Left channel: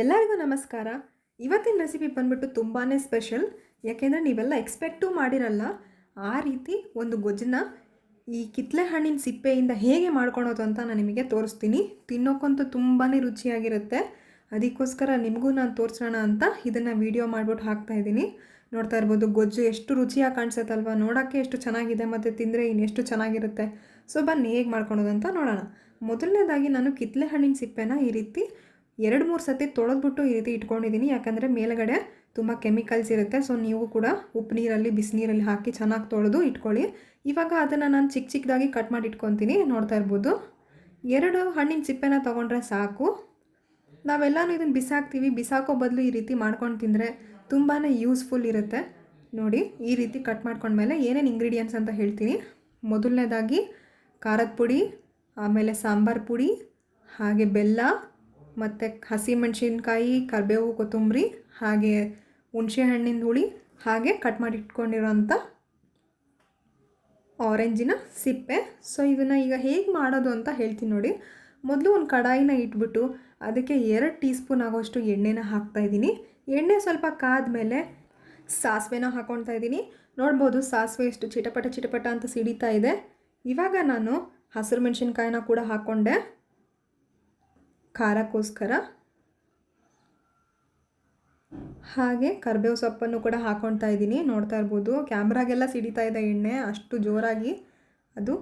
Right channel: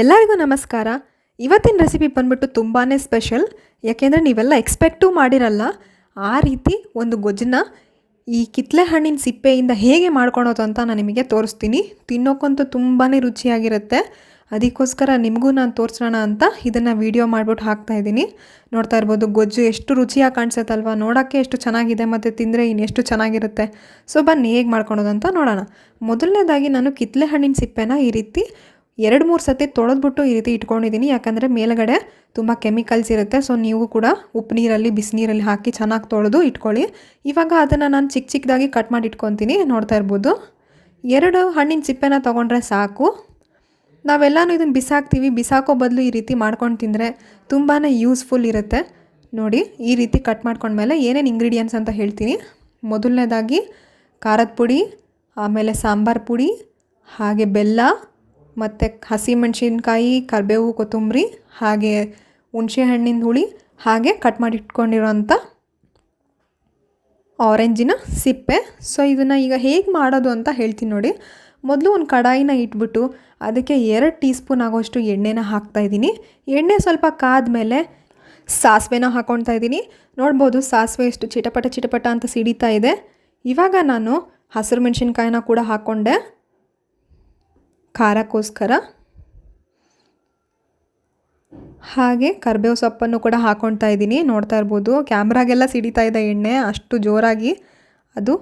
ಎಲ್ಲರಿಗೂ ನಮಸ್ಕಾರ. ಇವತ್ತಿನ ರೆಸಿಪಿ ಬಂದ್ಬಿಟ್ಟು ತುಂಬಾ ಸ್ಪೆಷಲ್ ಯಾಕೆಂದರೆ ನೀವೆಲ್ಲ ಎಕ್ಸ್ಪೆಕ್ಟೂ ಮಾಡಿರಲ್ಲ, ಆ ರೀತಿ ಒಂದು ಗೊಜ್ಜನ್ನ ಈ ಕಿತ್ಲೆ ಹಣ್ಣಿನ ಸಿಪ್ಪೆಯಿಂದ ಹೇಗೆ ಮಾಡ್ಕೊಳೋದು ಅಂತ ನಾನು ನಿಮಗೆ ತೋರಿಸ್ತೀನಿ. ತಿನ್ನೋಕ್ಕಂತೂ ತುಂಬಾ ರುಚಿಯಾಗಿರುತ್ತೆ. ಅದಕ್ಕೋಸ್ಕರ ನಿಮಗೂ ನಾನು ತೋರಿಸೋಣ ಅಂತ ಇದನ್ನು ವೀಡಿಯೋ ಮಾಡಿಬಿಟ್ಟು ಹಾಕ್ತಾಯಿದ್ದೀನಿ ನೋಡ್ತಾ ಇರ್ಬೋದು, ಗೊಜ್ಜು ಎಷ್ಟು ರುಚಿಯಾಗಿ ಕಾಣಿಸುತ್ತಲ್ವ? ನೋಡೋಕ್ಕೆ ಎಷ್ಟು ಚೆನ್ನಾಗಿದೆ ಮತ್ತು ತಿಂದರೆ ಇನ್ನೆಷ್ಟು ಚೆನ್ನಾಗಿರುತ್ತೆ? ಸೊ ಬನ್ನಿ, ಹೇಗೆ ಮಾಡ್ಕೊಳೋದು ಅಂತ ನೋಡೋಣ. ಮೊದಲನೇದಾಗಿ ನಾನು ಕಿತ್ಲೆ ಹಣ್ಣಿನ ಸಿಪ್ಪೆನ ಈ ರೀತಿ ಎರಡು ಮೂರು ಸತಿ ತೊಳೆದ್ಬಿಟ್ಟು ಈ ರೀತಿ ಇಟ್ಕೊಂಡಿದ್ದೀನಿ. ಯಾಕಂದರೆ ಮೇಲುಗಡೆ ತುಂಬ ಕೆಮಿಕಲ್ಸ್ ಇರುತ್ತೆ. ಸೊ ನೀವು ಕೂಡ ಉಪ್ಪು ನೀರಲ್ಲಿ ಬಿಸಿನೀರಲ್ಲಿ ಹಾಕಿ ಚೆನ್ನಾಗಿ ತೊಳೆದು ಇಟ್ಕೊಳ್ಳಿ. ಇವಾಗ ಅದನ್ನು ನಾನು ಚಿಕ್ಕ ಚಿಕ್ಕದಾಗಿ ಕಟ್ ಮಾಡಿ ಇಟ್ಕೊತೀನಿ. ನೋಡ್ತಾ ಇರ್ಬೋದು. ಎರಡು ಹಣ್ಣಿನ ಸಿಪ್ಪೆನ ತೊಗೊಂಡ್ರೆ ಸಾಕು. ನಾವೆಲ್ಲನೂ ಇದನ್ನು ಬಿಸಾಕ್ತೀವಿ. ಬಿಸಾಕೋ ಬದಲು ಈ ರೀತಿ ಮಾಡ್ಕೊಂಡು ತಿಂದರೆ ತುಂಬಾ ಯೂಸ್ಫುಲ್ ಇರುತ್ತೆ. ನೋಡಿ, ಈ ರೀತಿ ಕಟ್ ಮಾಡ್ಕೊಂಡ್ಮೇಲೆ ಏನೇನು ಇಂಗ್ರೀಡಿಯೆಂಟ್ಸ್ ಅಂತ ಹೇಳ್ತೀನಿ. ಮೊದಲನೇದಾಗಿ, ಖಾರದ ಪುಡಿ, ಆಮೇಲೆ ಸಾಂಬಾರು ಪುಡಿ, ಹಾಗೆ ಬೆಲ್ಲ ಮತ್ತು ಹಸಿಮೆಣಸಿನ್ಕಾಯಿ ಕರಿಬೇವು, ಕೊತ್ತಂಬರಿ, ಹಾಗೆ ಹುಣಸೆ ಹಣ್ಣಿನ ಹುಳಿ, ಹಾಗೆ ಕಟ್ ಮಾಡಿ ಇಟ್ಕೊಂಡಿರೋಂಥ ಆರೆಂಜಿನ ಸಿಪ್ಪೆ. ಸೊ ಇದನ್ನು ಈಗ ಹೇಗೆ ಮಾಡೋದು ಅಂತ ಹೇಳ್ತೀನಿ ನೋಡಿ. ಮೊದಲು ಒಂದು ಕಡಾಯಿನ ಇಟ್ಬಿಟ್ಟು ಅದಕ್ಕೆ ಎರಡು ಟೀ ಸ್ಪೂನ್ ಆಗೋಷ್ಟು ಎಣ್ಣೆನ ಹಾಕ್ತಾಯಿದ್ದೀನಿ ಎಣ್ಣೆ ಸ್ವಲ್ಪ ಕಾದ್ಮೇಲೆ ಸಾಸಿವೆನ ಹಾಕ್ಕೊಳ್ತಾ ಇದ್ದೀನಿ. ನೋಡ್ಬೋದು ಸಾಸಿವೆ ಎಷ್ಟು ಚಿಟಪಟ ಚಿಟಪಟ ಅಂತ ಸಿಡಿತಾ ಇದೆ. ಇವಾಗ ನಾನು ಹಸಿರು ಮೆಣಸಿನ್ಕಾಯಿನ ಕೂಡ ಹಾಕ್ಕೊಂಡೆ ಖಾರಕ್ಕೋಸ್ಕರ. ಹಾಗೆ ಕರ್ಬೇವು ಸೊಪ್ಪನ್ನು ಕೂಡ ಹಾಕ್ಕೊಳ್ತಾ ಇದ್ದೀನಿ. ನೋಡ್ತಾ ಇರ್ಬೋದು. ಕ್ಯಾಮ್ರಾಗೆಲ್ಲ ಸಿಡಿತಾ ಇದೆ ಎಣ್ಣೆ. ಅಷ್ಟು ಜೋರಾಗಿ ಅದು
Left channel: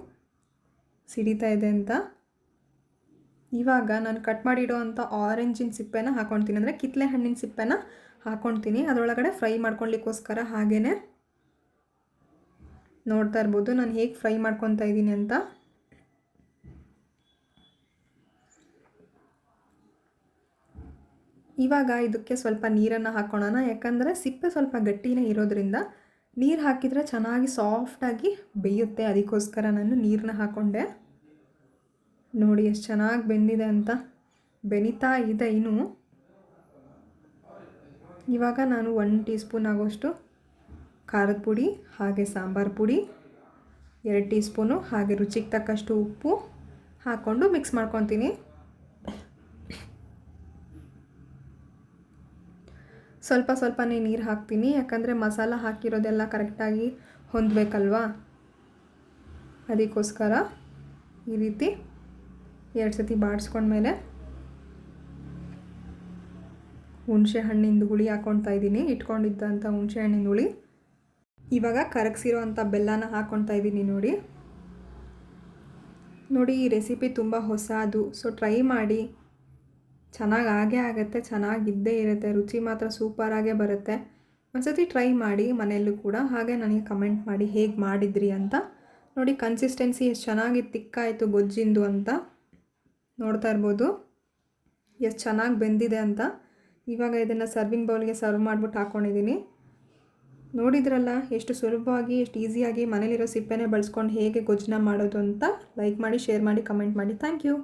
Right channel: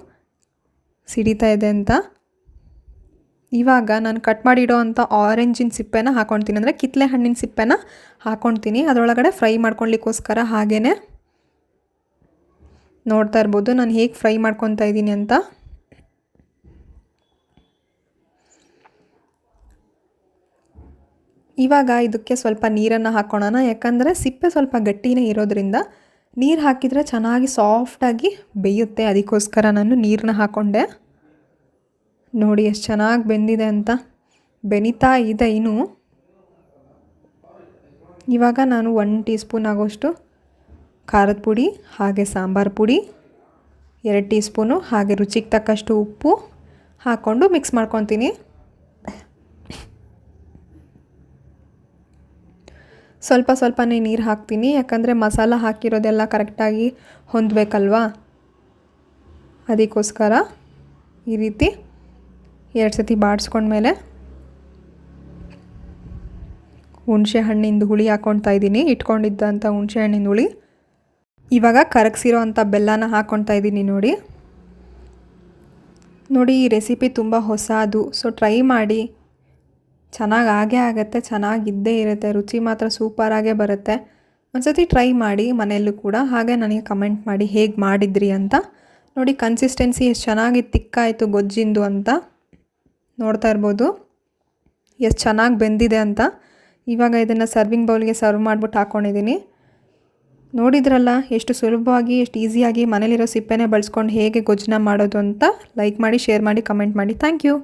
ಸಿಡಿತಾ ಇದೆ ಅಂತ. ಇವಾಗ ನಾನು ಕಟ್ ಮಾಡಿಡೋ ಅಂಥ ಆರೆಂಜಿನ ಸಿಪ್ಪೆನ ಹಾಕ್ಕೊಳ್ತೀನಿ ಅಂದರೆ ಕಿತ್ತಲೆ ಹಣ್ಣಿನ ಸಿಪ್ಪೆನ ಹಾಕ್ಕೊಳ್ತೀನಿ ಅದರೊಳಗಡೆ ಫ್ರೈ ಮಾಡ್ಕೊಳ್ಲಿಕ್ಕೋಸ್ಕರ ಹಾಗೇ ನೋಡ್ತಾ ಇರ್ಬೋದು. ನಾನು ಹೇಗೆ ಫ್ರೈ ಮಾಡ್ಕೊತಾ ಇದ್ದೀನಿ ಅಂತ. ಇವಾಗ ಇದಕ್ಕೆ ಸ್ವಲ್ಪ ನೀರನ್ನು ಹಾಕ್ಕೊಳ್ಳೋಣ ಯಾಕಂದರೆ ಸಿಪ್ಪೆ ಸ್ವಲ್ಪ ಗಟ್ಟಿನೇ ಇರೋದ್ರಿಂದ ನೀರು ಹಾಕಿದರೆ ಚೆನ್ನಾಗಿ ಸಾಫ್ಟಾಗಿ ಬೇಯುತ್ತೆ. ಅದಕ್ಕೋಸ್ಕರ ನಾನು ನೀರನ್ನ ಹಾಕ್ಕೊಂಡೆ ನೋಡಿ ಎಷ್ಟು ಚೆನ್ನಾಗಿ ಬೆಂದಿದೆ ಅಂತ. ಬೆನಿತಾ ಇದೆ ಇನ್ನು. ಇವಾಗ ನಾನು ಒನ್ ಟೀ ಸ್ಪೂನ್ ಆಗೋಷ್ಟು ಖಾರದ ಪುಡಿ, ಹಾಗೆ ಸಾಂಬಾರು ಪುಡಿ, ಎರಡು ಟೀ ಸ್ಪೂನು ಹಾಗೆ ರುಚಿಗೆ ತಕ್ಕಷ್ಟು ಉಪ್ಪು ಹಾಕ್ಕೊಂಡು ಮಿಕ್ಸ್ ಮಾಡ್ಕೊತೀನಿ. ಸ್ವಲ್ಪ ಸ್ವಲ್ಪನೇ ನೀರು ಹಾಕ್ತೀನಿ, ಯಾಕಂದರೆ ಮಸಾಲ ಹಾಕಿರೋದೆಲ್ಲ ಕರೆಕ್ಟಾಗಿ ಹೊಂದಬೇಕಲ್ವಾ? ಅದಕ್ಕೋಸ್ಕರ ಈ ರೀತಿ ಎರಡು ಸತಿ ಬಾಡಿಸ್ಕೊಂಡ್ಮೇಲೆ ಹುಣಸೆ ಹಣ್ಣಿಂದು ಹುಳಿ ಹಾಕ್ಕೊಳ್ತಾ ಇದ್ದೀನಿ ಇಟ್ಕೊಂಡಿದ್ದಂಥ ಹುಣಸೆ ಹಣ್ಣಿಂದು ಹುಳಿ. ಇವಾಗ ಕರಗಿಸಿರೋ ಅಂಥ ಬೆಲ್ಲನ ಹಾಕ್ಕೊಳ್ತಾ ಇದ್ದೀನಿ ನೋಡಿ. ನೋಡಿ, ಈ ರೆಸಿಪಿ ತುಂಬ ಹೊಸದು, ಸೊ ಟ್ರೈ ಮಾಡಿ. ಚೆನ್ನಾಗಿ ಆಗೇ ಆಗುತ್ತೆ ಚೆನ್ನಾಗಿದ್ದೇ ಇರುತ್ತೆ, ರುಚಿ ಮಾತ್ರ ಸೂಪರಾಗೇ ಬರುತ್ತೆ. ಒಂದ್ಸತಿ ಟ್ರೈ ಮಾಡಿ ಮನೆಯಲ್ಲೂ ಕೂಡ ಹಾಗೆ ನನಗೆ ಕಮೆಂಟ್ ಮಾಡಿ ಹೇಗೆ ಮಾಡಿದ್ರಿ ಅಂತ ನೋಡಿ ಕನ್ಸಿಸ್ಟೆನ್ಸಿ ಎಷ್ಟು ಚೆನ್ನಾಗಿ ತಿಕ್ಕಾಯಿತು ಗೊಜ್ಜಿಂದು ಅಂತ ನೋಡ್ತಾ ಇರ್ಬೋದು. ಎಷ್ಟು ಚೆನ್ನಾಗಿ ಬೆಂದಿದೆ ಅಂತ ಇವಾಗ ಇದನ್ನು ಸರ್ವಿಂಗ್ ಬೌಲ್ಗೆ ಸರ್ವ್ ಮಾಡಿಬಿಟ್ಟು ಹಾಕ್ಕೊಂಡಿದ್ದೀನಿ ನೋಡಿದ್ರಲ್ಲ ಎಷ್ಟು ಸುಲಭವಾಗಿ, ಎಷ್ಟು ಈಸಿಯಾಗಿ ಮನೇಲಿರೋ ಸಿಪ್ಪೆನೇ ಬಳಸ್ಕೊಂಡು ಹೇಗೆ ಗೊಜ್ಜನ್ನ ಮಾಡೋದು ಅಂತ ಲೈಕ್ ಮಾಡಿ ಶೇರ್ ಮಾಡಿ ಕಮೆಂಟ್ ಮಾಡಿ. Thank you